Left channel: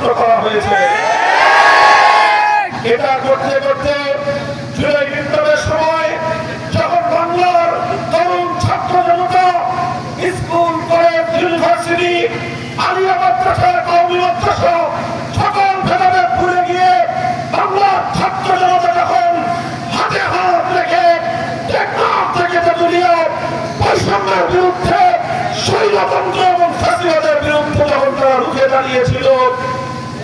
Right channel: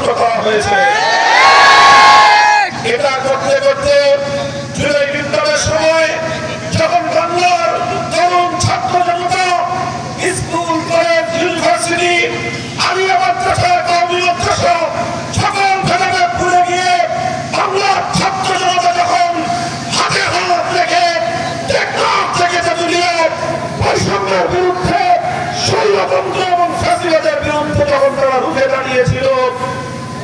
ষড়যন্ত্র করা হয়েছে। এটা করতে করতে জুলাই বিপ্লবের সময় যখন বাংলার তরুণ ছাত্র জনতা স্কুল, কলেজ, ইউনিভার্সিটি, আলিয়া মাদ্রাসা, কওমি মাদ্রাসা সকল ভেদাভেদ ভুলে গিয়ে বাংলার ছাত্র জনতা যখন হাতে হাত রেখে টেকনাফ থেকে তেঁতুলিয়া বৈষম্যের বিরুদ্ধে, স্বৈরতন্ত্র এবং ফ্যাসিবাদের বিরুদ্ধে যখন তারা রুখে দাঁড়িয়েছিল,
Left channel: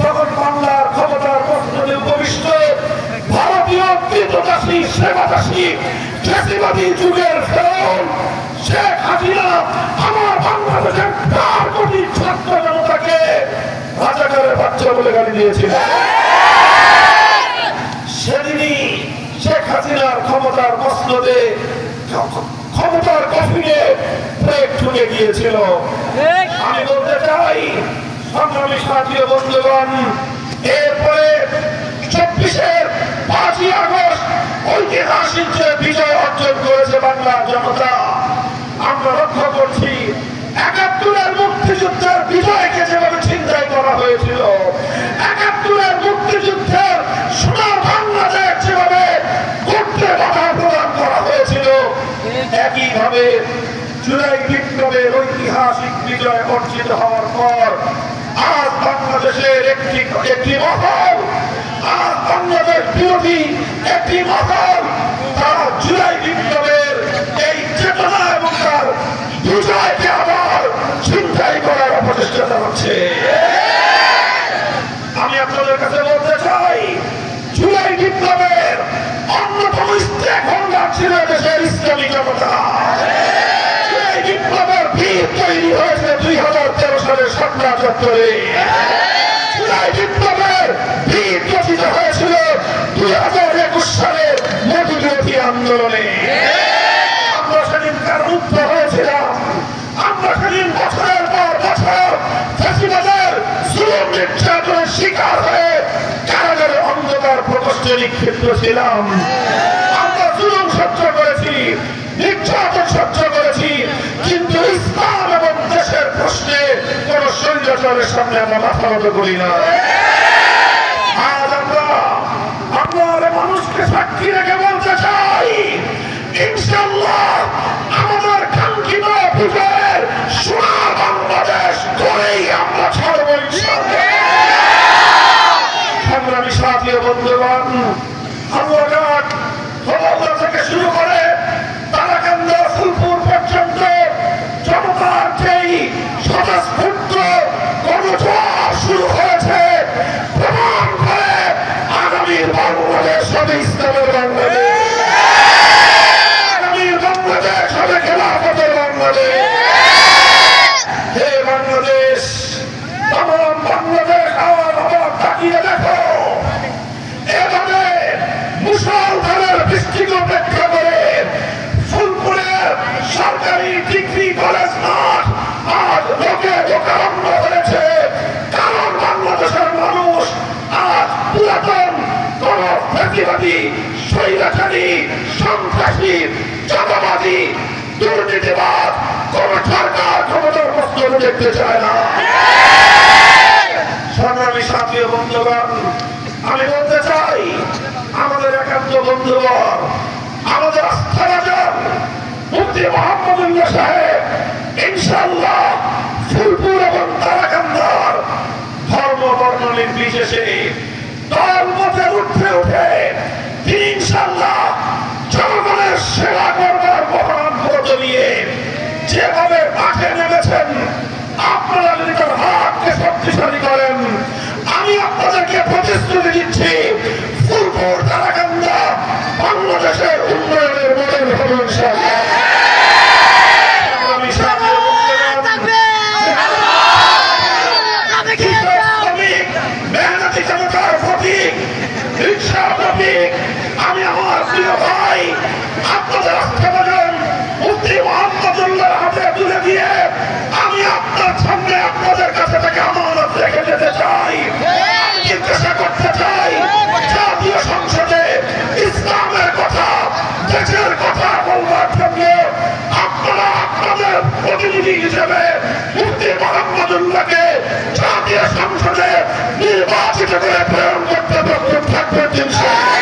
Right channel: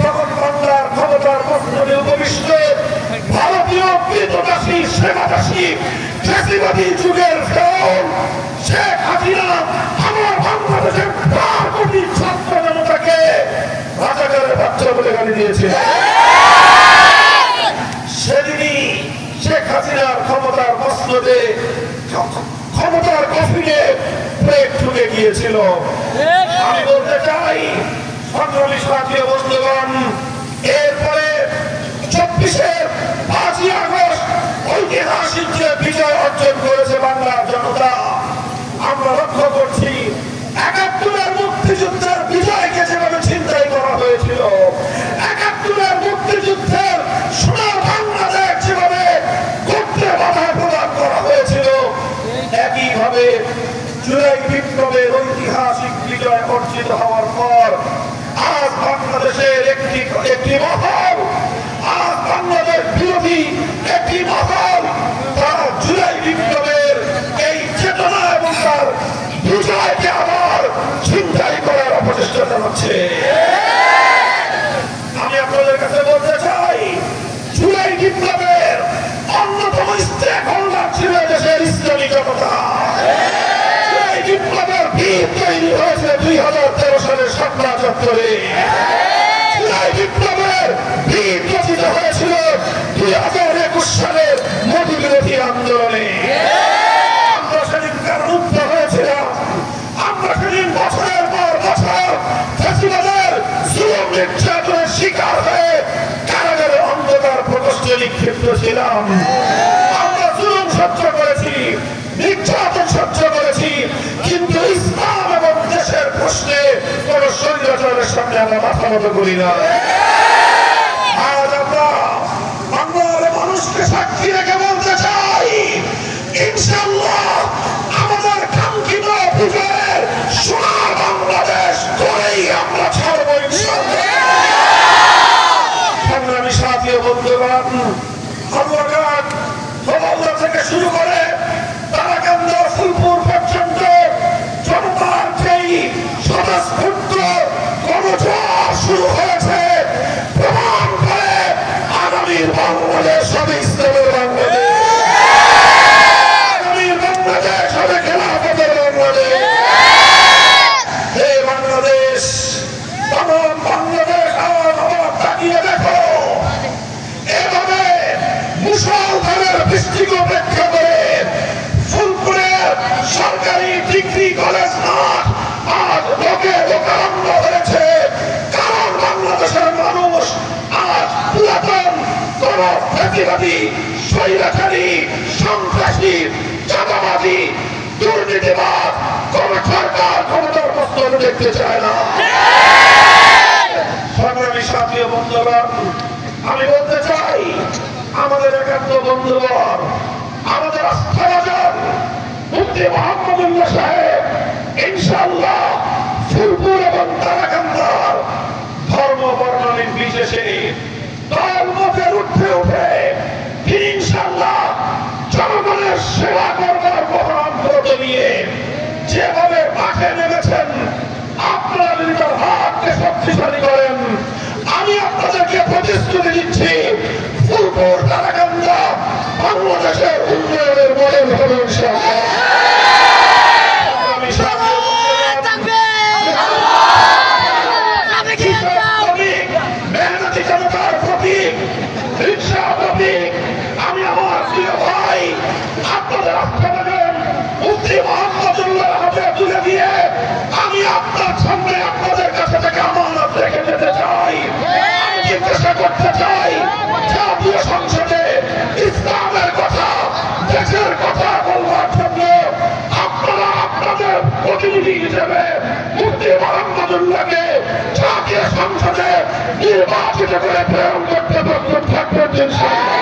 তখন বাংলার ক্ষমতার প্রশ্নে উপবিষ্ট ভারতীয় কৃতদাসী সেবাদাসী ফ্যাসিবাদী যুগের ফেরাউন শেখ হাসিনা আমার বাংলাদেশের 4 কোটি ছাত্র জনতাকে রাজাকারের বাচ্চা বলে গালি দিয়েছিল। সেদিনই শেখ হাসিনার ক্ষমতার মসনদে, ক্ষমতার কফিনে ব্রেক ঢুকে গিয়েছিল। আমি বলতে চাই সংগ্রামী সাথী বন্ধুগণ, এরপরে 24-এর 5ই আগস্ট ঐতিহাসিক যে বিজয় অর্জন করেছে বাংলার জনতা, আমরা লক্ষ্য করছি 71-এর মুক্তিযুদ্ধের বিজয়কে যেভাবে ছিনতাই করা হয়েছিল, 71-এর মুক্তিযুদ্ধের সোনার বাংলাদেশ যেভাবে করতে বাধা প্রদান করা হয়েছিল, একইভাবে জুলাই বিপ্লবের ঐতিহাসিক বিজয় অর্জিত হওয়ার পর আজ বাংলাদেশের একটি মহল, আজ বাংলাদেশ বিরোধী একটি মহল, তারা জুলাই বিপ্লবের এই চেতনা এবং তার বিজয়কে আবার ছিনতাই করার অপচেষ্টা চালাচ্ছে। আমি আপনাদের কাছে বলতে চাই, জুলাই বিপ্লবের অন্যতম স্টেক হোল্ডার ছিল দেশের ইসলামী জনতা। জুলাই বিপ্লবের ভিত তৈরি হয়েছে 2013 সালের 17 জুলাই বিপ্লবের ভিত রচিত হয়েছিল 2021 সালের মোদী বিরোধী আন্দোলনে। আমরা সেদিন তার মুক্ত হয়েছিলাম, আমরা সেদিন বছরের পর বছর ফ্যাসিবাদের জুলুম নির্যাতনের শিকার হয়ে কারাগারে অন্ধকার প্রকোষ্ঠে নিক্ষিপ্ত ছিলাম। আমরা জুলুম সহ্য করেছি, নির্যাতন সহ্য করেছি, কিন্তু ইসলাম এবং দেশের প্রশ্নে কোন স্বৈরাচারের সামনে আমরা মাথা নত করি না। আজ আমরা মানুষকে সাক্ষী রেখে বলতে চাই, ইনশাআল্লাহ আমাদের কাঙ্ক্ষিত বিজয়ের সোনার বাংলাদেশ করেই আমরা ছাড়ব ইনশাআল্লাহ। সংগ্রামী সাথী ও বন্ধুগণ, হালুয়াঘাট গোপালদা থেকে শুরু করে তারাকান্দা, ফুলপুর পর্যন্ত জনতার যেই স্বতঃস্ফূর্ত গণজোয়ার শুরু হয়েছে, প্রমাণ করে আগামীর বাংলাদেশ হবে ইসলামের বাংলাদেশ, আগামীর বাংলাদেশ হবে খেলাফতের বাংলাদেশ। হে বাংলাদেশ, তমাম বাংলাদেশ আবার তাকিয়ে দেখো, এভাবে মুষলধারের বৃষ্টিকে উপেক্ষা করে ফুলপুরের সরকারি ডিগ্রি কলেজ মাঠ আজ লোকে লোকারণ্য হয়েছে। কারণ বাংলাদেশের মানুষ আজ পুরাতন কোন ফ্যাসিবাদী, স্বৈরাচারী, সন্ত্রাসী, চাঁদাবাদী, দুর্নীতিবাদ কোন সরকার ক্ষমতার প্রশ্ন দেখতে চায় না। সংগ্রামী সাথী ও বন্ধুগণ, আমি বলতে চাই, আমাদের একান্ত বন্ধুবর, আমাদের আস্থাভাজন মুফতি মোহাম্মদুল্লাহ সাহেব ইনশাআল্লাহ ফুলপুর এবং তারাকান্দার ধর্ম বর্ণ নির্বিশেষে দলমতের ঊর্ধ্বে উঠে তিনি ইনশাআল্লাহ জনগণের সেবা করবার মহান ব্রত নিয়ে যেভাবে মাঠে নেমেছেন, আপনারা যদি তার হাতকে শক্তিশালী করেন, আমি আপনাদেরকে প্রতিশ্রুতি দিচ্ছি, ফুলপুর তারাকান্দা বাংলাদেশের উন্নয়নের মডেল হবে ইনশাআল্লাহ। মেহনতি জনতার প্রতীক, রিকশা প্রতীক, আমি আমার প্রিয় ভাই আপনাদের আস্থাভাজন মুফতি মোহাম্মদুল্লাহ হাতে তুলে দিয়ে আমি আপনার সামনে আপনাদের কাছে থেকে আমানত রেখে যেতে চাই। জিজ্ঞাসা করতে চাই, জাতীয় সংসদে ইসলামের কথা, দেশের কথা বলবার জন্য আপনারা আপনাদের প্রতিনিধি হিসেবে মুফতি মোহাম্মদুল্লাহকে জাতীয় সংসদে সুরক্ষিত করে প্রেরণ করতে প্রস্তুত থাকবেন ইনশাআল্লাহ।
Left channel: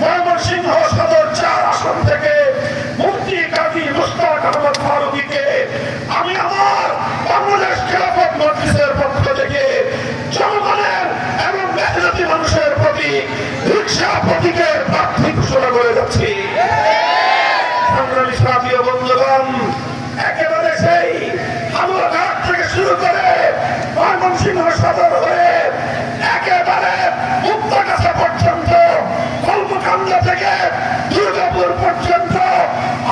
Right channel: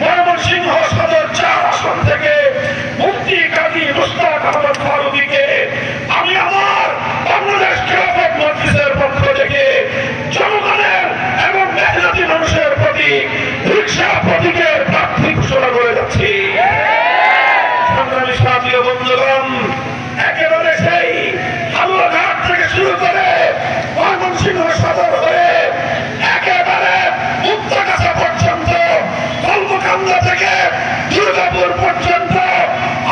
ময়মনসিংহ সদর 4 আসন থেকে মুফতি কাজী মুশতাক আহমদ ফারুকীকে আমি আমার বাংলাদেশ খেলাফত মজলিসের পক্ষ থেকে জনগণের এবং মেহনতি মানুষের প্রতি রিকশা প্রতীকের প্রার্থী ঘোষণা করে যাচ্ছি। সংগ্রামী সাথী ও বন্ধুগণ, একেবারে সেই হালুয়াঘাট থেকে শুরু করে ময়মনসিংহ সদর হয়ে একেবারে মুক্তাগাছা পর্যন্ত, কলমকান্দা থেকে দুর্গাপুর পর্যন্ত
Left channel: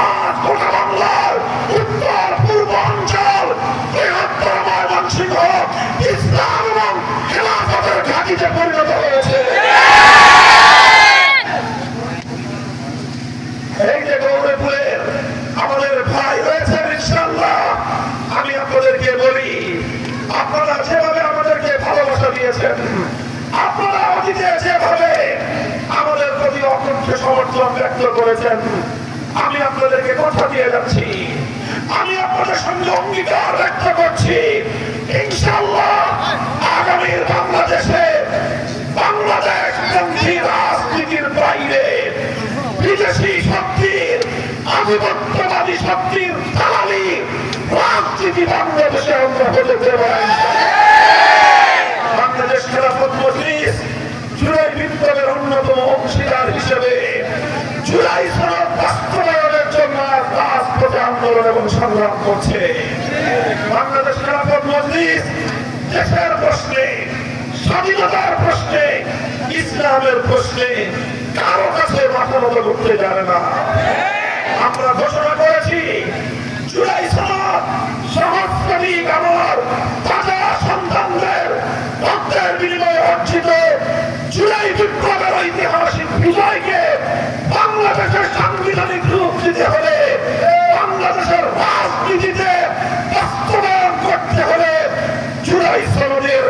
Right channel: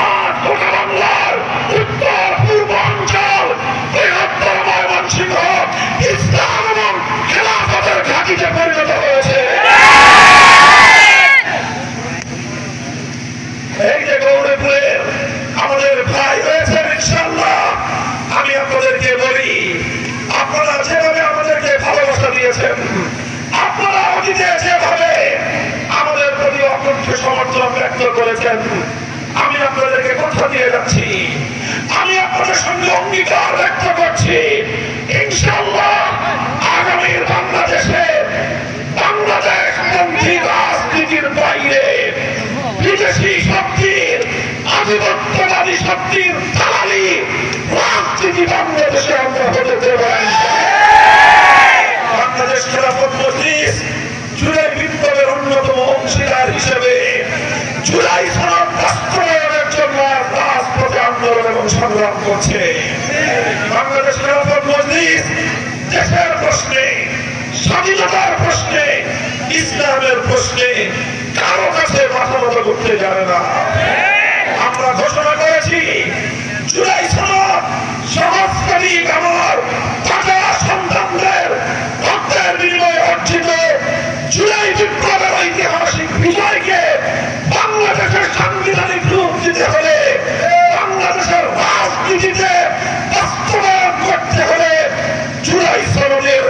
আজ গোটা বাংলার উত্তর পূর্ব অঞ্চল বৃহত্তর ময়মনসিংহ ইসলাম এবং খেলাফতের ঘাঁটিতে পরিণত হয়েছে। এই যে গৌরীপুরের আমাদের ভাই রয়েছেন ইনশাআল্লাহ, আমি আপনাদেরকে বলি, আপনারা যেভাবে আমাদেরকে ভালোবাসা দিয়েছেন, আপনারা অতীতে যেভাবে আমাদের প্রতি অকুণ্ঠ সমর্থন ব্যক্ত করেছেন, আমি আপনাদেরকে কথা দিয়ে যাচ্ছি, আমি আপনাদের সঙ্গে অঙ্গীকার ব্যক্ত করছি, ইনশাআল্লাহ আগামীর বাংলাদেশে বাংলাদেশপন্থী রাজনীতির বাইরে বিদেশি শক্তির, আধিপত্যবাদী শক্তির দালালি রাজনীতি বাংলাদেশে আমরা হতে দেব না। বাংলাদেশ খেলাফত মজলিস জুলাই বিপ্লবের অন্যতম অংশীদার হিসেবে জুলাই সনদ বাস্তবায়নের জন্য রাজপথে আন্দোলন এবং সংগ্রাম করছে। বাংলাদেশ খেলাফত মজলিস দেশের প্রশ্নে, স্বাধীনতার প্রশ্নে, ইসলামের প্রশ্নে কারো কাছে মাথা মতো করতে জানে না। আমরা ঘোষণা করেছি জুলাই সনদ সহস্রাধিক আমার তাজা সন্তানদের রক্তের বিনিময়ে অর্জিত জুলাই বিপ্লবের ঐতিহাসিক বিজয়কে বাংলাদেশের সাংবিধানিক রূপ দিতে হলে, বাংলাদেশের রাজনীতিতে বাস্তবায়ন করতে হলে জুলাই সনদের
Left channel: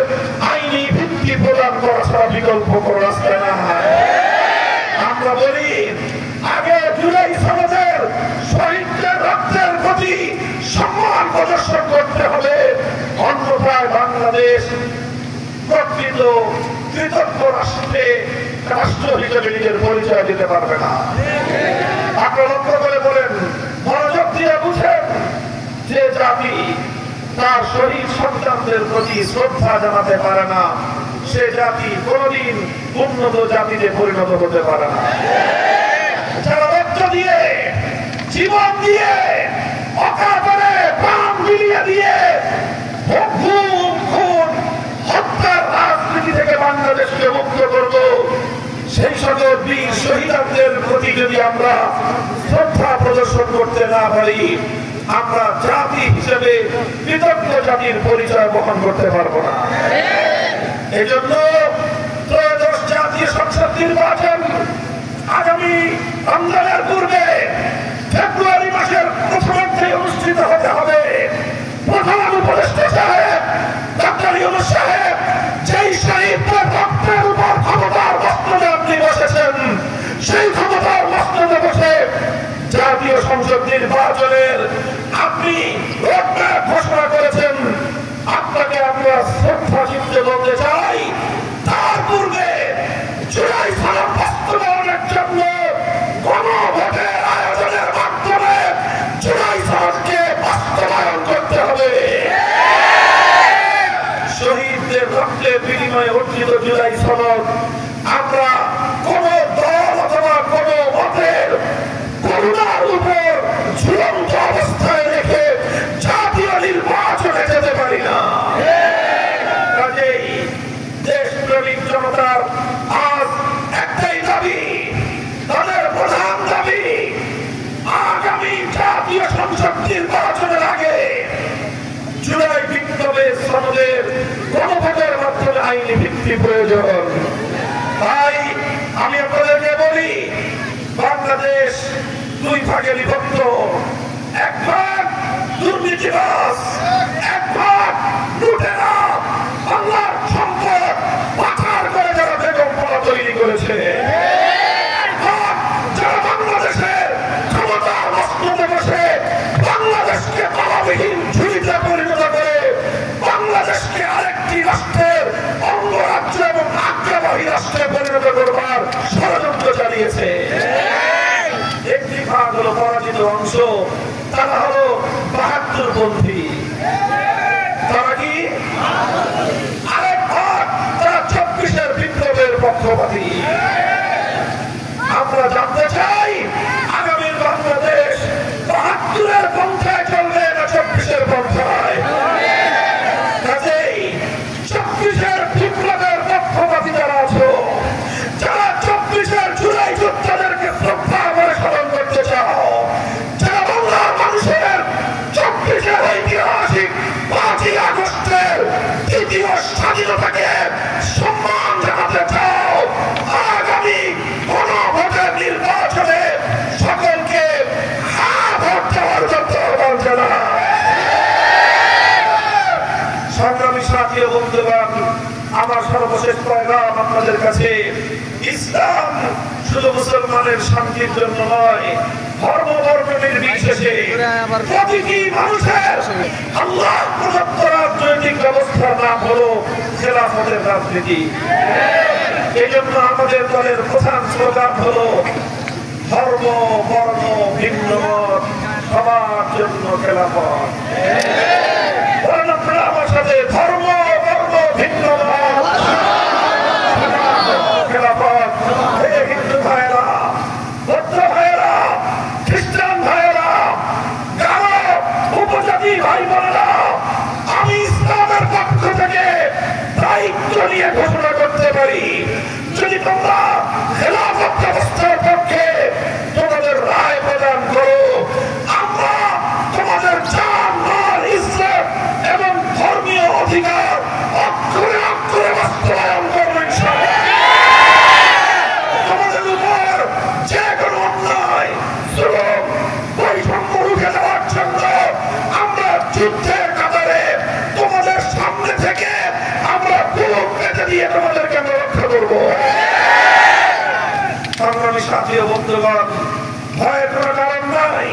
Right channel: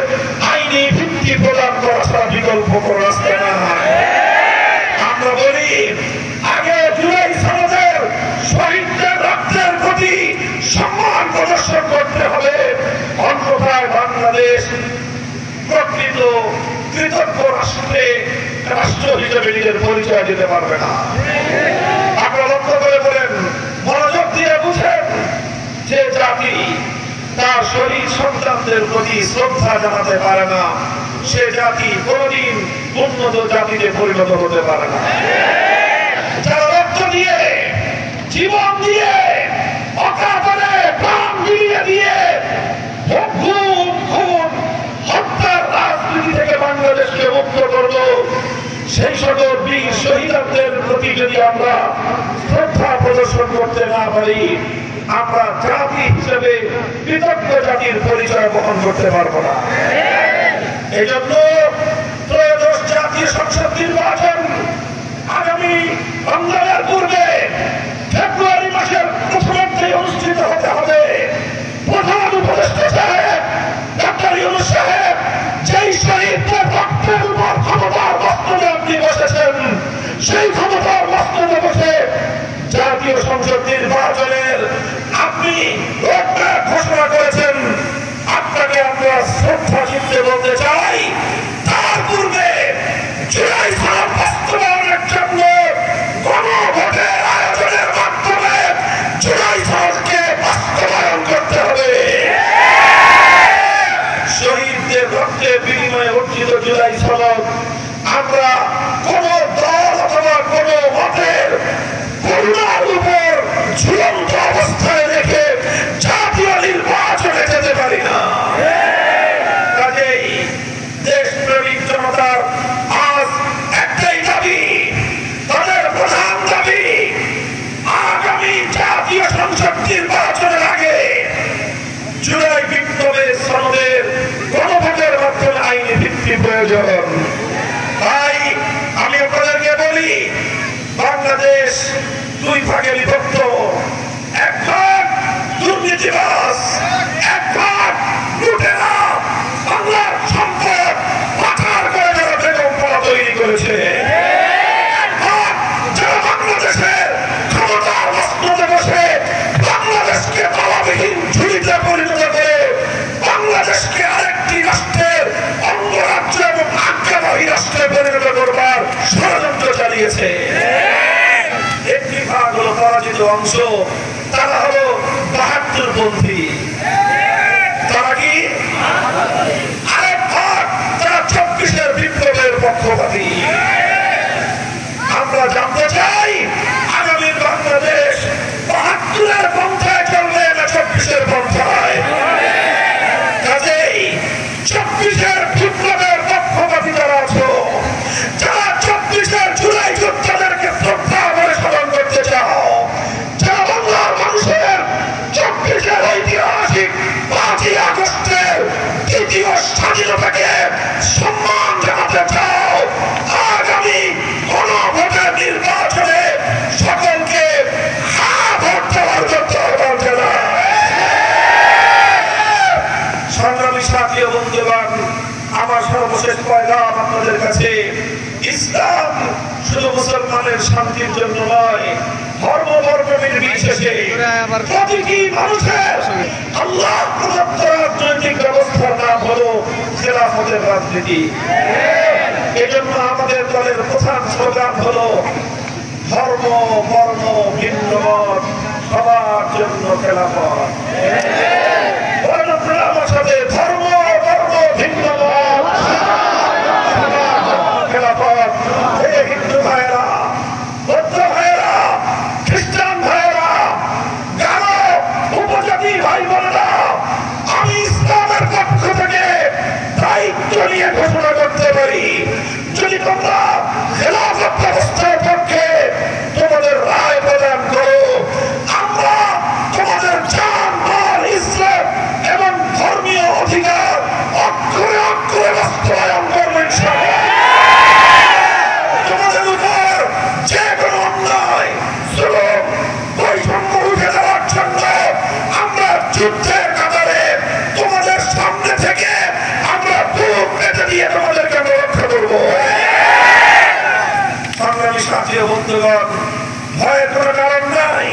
আইনি ভিত্তি প্রদান করা ছাড়া বিকল্প কোনো রাস্তা নাই। আমরা বলি আগে জুলাই সনদের শহীদদের রক্তের প্রতি সম্মান প্রদর্শন করতে হবে, অন্যথায় বাংলাদেশ প্রকৃত কৃতজ্ঞ রাষ্ট্র হিসেবে নিজের পরিচয় দিতে পারবে না। আপনারা লক্ষ্য করে বলেন, মনোযোগ দিয়ে বুঝেন, যে জাতি তার শহীদ সন্তানদের প্রতি শ্রদ্ধা জানাতে পারে না, সে জাতি কোনদিন উন্নত জাতিতে পরিণত হতে পারে না। যারা রক্ত দিয়ে, জীবন দিয়ে, অকাতরে প্রাণ বিলিয়ে দিয়ে খুন হত্যার রাজনীতি থেকে বাংলাদেশকে মুক্ত করব, সেই সকল বীর শহীদদের প্রতি যদি আমরা শ্রদ্ধা প্রদর্শন করতে না পারি, আমরা জাতি হিসেবে কৃতজ্ঞ জাতির পরিচয় বহন করতে পারবো না। এই জন্য ত্রয়োদশ জাতীয় সংসদ নির্বাচন আগামী রমজানের পূর্বে ফেব্রুয়ারি মাসের প্রথমার্ধে অনুষ্ঠিত হতে হবে। প্রধান উপদেষ্টা সাহেব ডক্টর ইউনূস সাহেব যেই শহীদদের রক্তের উপর ক্ষমতার মস্তদে আপনি বসেছেন, সেই ক্ষমতার মস্তদে বসে জাতীয় সংসদ নির্বাচনের আপনি রোডম্যাপ ঘোষণা করেছেন। আপনাকে আমরা শ্রদ্ধা চিত্তে বলতে চাই, তার পূর্বে জুলাই সনদ বাস্তবায়নের জন্য গণভোটের আয়োজনের মাধ্যমে জুলাই সনদকে বাস্তবায়ন করতে হবে। শহীদদের রক্তের বিনিময়ে অর্জিত জুলাই সনদ আমরা কোন দল অথবা কোন মতের করুণার উপর ঝুলন্ত অবস্থায় রেখে জাতীয় নির্বাচনে যেতে পারি না। কাজেই দেশপ্রেমিক জনতার আজ একটাই দাবি, তাদের প্রধান সাথী ও বন্ধুগণ, আমার সর্বশেষ পয়গাম আপনাদের কাছে, ইসলাম শুধু মুসলমানের শান্তির জন্য নয়, ধর্ম বর্ণ নির্বিশেষে প্রতিটি মানুষের আল্লাহ প্রদত্ত রাজনৈতিক ব্যবস্থার নাম হলো খেলাফতের রাজনীতি। এই জন্য আমাদের দলের প্রধান স্লোগান হলো ধর্ম বর্ণ ভিন্ন মত সবার জন্য খেলাফত। আমার সাথে ধর্ম বর্ণ ভিন্ন মত খেলাফত। হিন্দু ভাইয়েরা, বৌদ্ধ ভাইয়েরা, খ্রিস্টান ভাইয়েরা, যারা উপজাতি ভাই বোনেরা, আমি ইসলামের পক্ষ থেকে দায়িত্ব নিয়ে ঘোষণা করতে পারি, যদি তোমরা খেলাফত ব্যবস্থার পক্ষে তোমাদের রায় প্রদান করো, আমরা তোমাদের জান মাল ইজ্জত এবং ধর্মীয় অধিকার অক্ষরে অক্ষরে বাস্তবায়ন করবো ইনশাআল্লাহ। তোমাদের উপর যে কোনো অন্যায় জুলুম বৈষম্য উঠে যাওয়ার জন্য আমরা যুদ্ধের কাতারে তোমাদের সামনে থেকে আমরা বুক পেতে দিয়ে তোমাদেরকে আমরা রক্ষা করবো। সংগ্রামী সাথী ও বন্ধুগণ, ভয়ের কোনো কারণ নাই।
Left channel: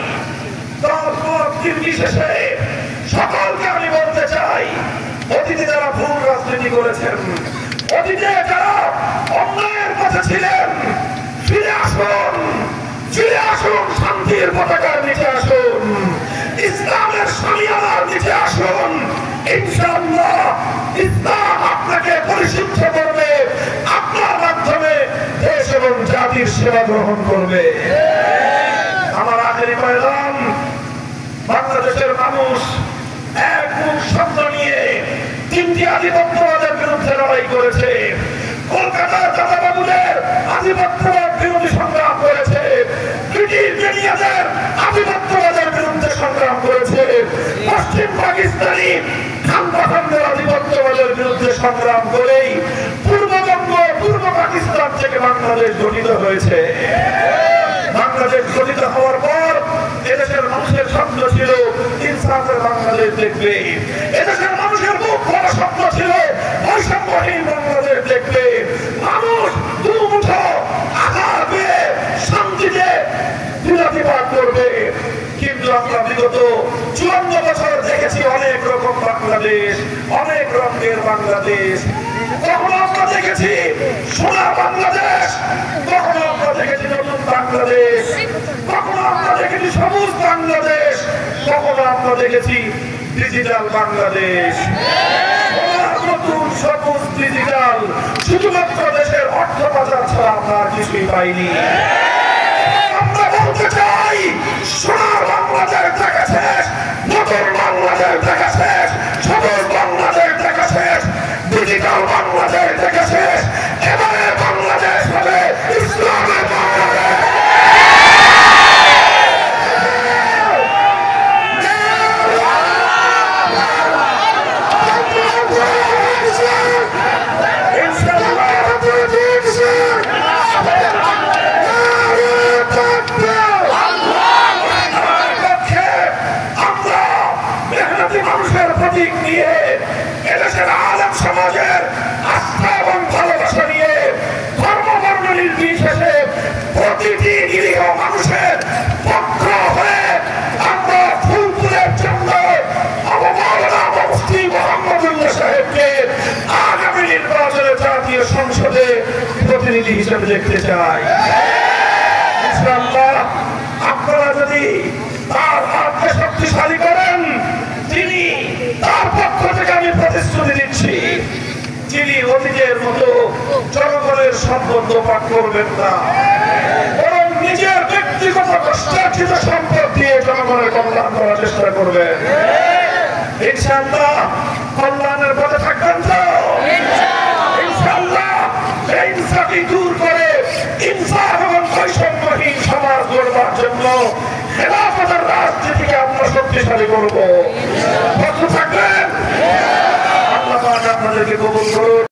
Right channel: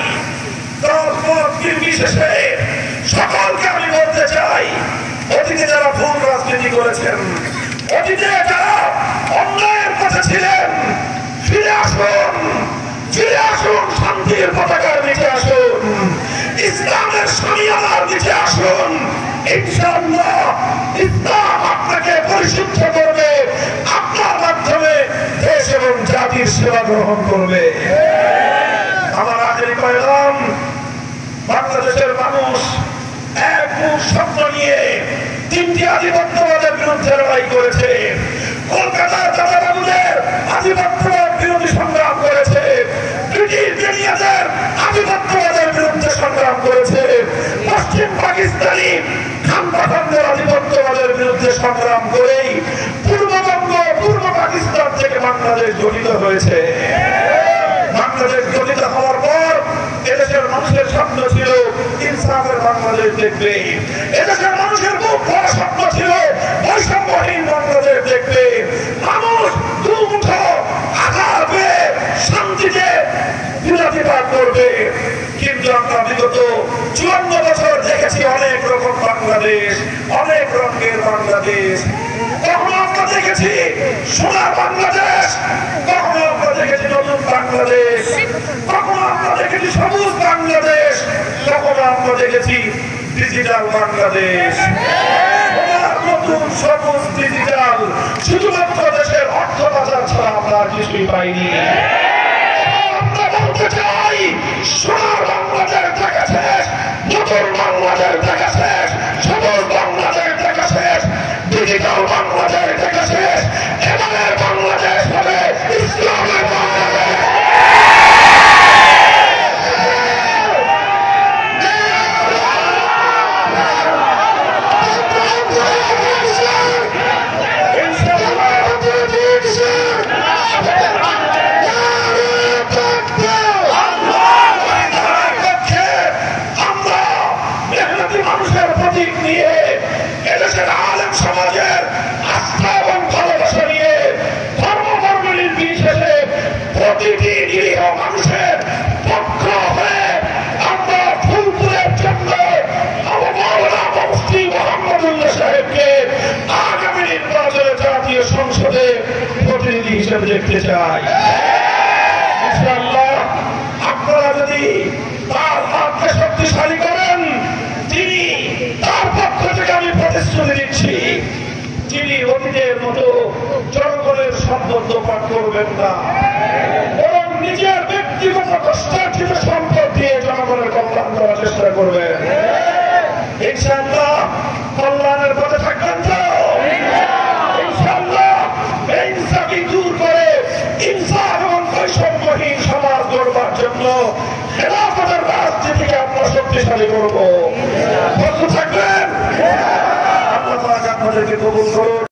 দল মত নির্বিশেষে সকলকে আমি বলতে চাই, অতীতে যারা ভুল রাজনীতি করেছেন, অতীতে যারা অন্যায়ের পথে ছিলেন, ফিরে আসুন, ফিরে আসুন, শান্তির পতাকার নিচে আসুন, ইসলামের শামিয়ানার নিচে আসুন। ইনশাআল্লাহ ইসলাম আপনাকে পরিশুদ্ধ করবে, আপনার মাধ্যমে দেশ এবং জাতির সেবা গ্রহণ করবে। আমার আখেরি পয়গাম, বাংলাদেশের মানুষ এক মুখ শব্দ নিয়ে তিনটি আধিপত্যবাদের বিরুদ্ধে লড়াই করেছে। কলকাতার দাদাবাবুদের আধিপত্যবাদ বিরোধী সংগ্রাম করেছে, ব্রিটিশদের আধিপত্যবাদের বিরুদ্ধে সংগ্রাম করেছে, পশ্চিম পাকিস্তানি খানবাখানদের আধিপত্যবাদের বিরুদ্ধে সংগ্রাম করেই পূর্ববঙ্গ, পূর্ব পাকিস্তান থেকে বাংলাদেশ গঠিত হয়েছে। বাংলাদেশ গঠিত হওয়ার পর এদেশের মানুষের স্বপ্ন ছিল ইনসাফের বাংলাদেশ দেখবে, এদেশের মানুষের খুব বড় স্বপ্ন ছিল বৈষম্যহীন বাংলাদেশ দেখবে, মানুষ দুমুঠো আধার পেয়ে শান্তিতে দিনাতিপাত করবে। কিন্তু আমরা বিগত 54 বছর দেখেছি অনেক রকম বাংলাদেশ, অনেক রঙের বাংলাদেশ। কখনো আমরা দেখেছি সোনার বাংলাদেশ, কখনো আমরা দেখেছি নতুন বাংলাদেশ, কখনো আমরা দেখেছি সবুজ বাংলাদেশ, কখনো আমরা দেখেছি ডিজিটাল বাংলাদেশ। নতুন সবুজ ডিজিটাল শুধুমাত্র দেশের অর্থ বাজার ছাড়া আমরা কিছুই পাইনি। আমরা বলতে চাই সোনার বাংলাদেশ দেখা শেষ, নতুন বাংলাদেশ দেখা শেষ, সবুজ বাংলাদেশ দেখা শেষ, ডিজিটাল বাংলাদেশ দেখা শেষ। এবারে বাংলাদেশ হবে ইসলামের বাংলাদেশ। মানুষের প্রতীক নিয়ে, এদেশের আলেম সমাজের আস্থা এবং ভালোবাসা নিয়ে, ধর্ম বর্ণ নির্বিশেষে প্রতিটি নিরীহ মানুষের পক্ষ হয়ে আমরা ফুলপুরের জন্য মাওলানা মুফতি মোহাম্মদুল্লাহ সাহেবকে আগামী নির্বাচনে জাতীয় সংসদে প্রতিনিধি হিসেবে দেখতে চাই। ইনশাআল্লাহ আপনারা যদি তার হাতকে শক্তিশালী করেন, তিনি তার পক্ষ থেকে আমি প্রতিশ্রুতি দিচ্ছি, তিনি অতীতের মতো জনগণের সম্পদ পাঠ করবেন না, বরং নিজের ব্যক্তিগত কষ্টার্জিত সম্পদ দিয়ে জনগণের কল্যাণ করার চেষ্টা করবেন। ইনশাআল্লাহ কল্যাণের পথে থাকবেন তো? ইনশাআল্লাহ ইনসাফি দূর করে ইনসাফ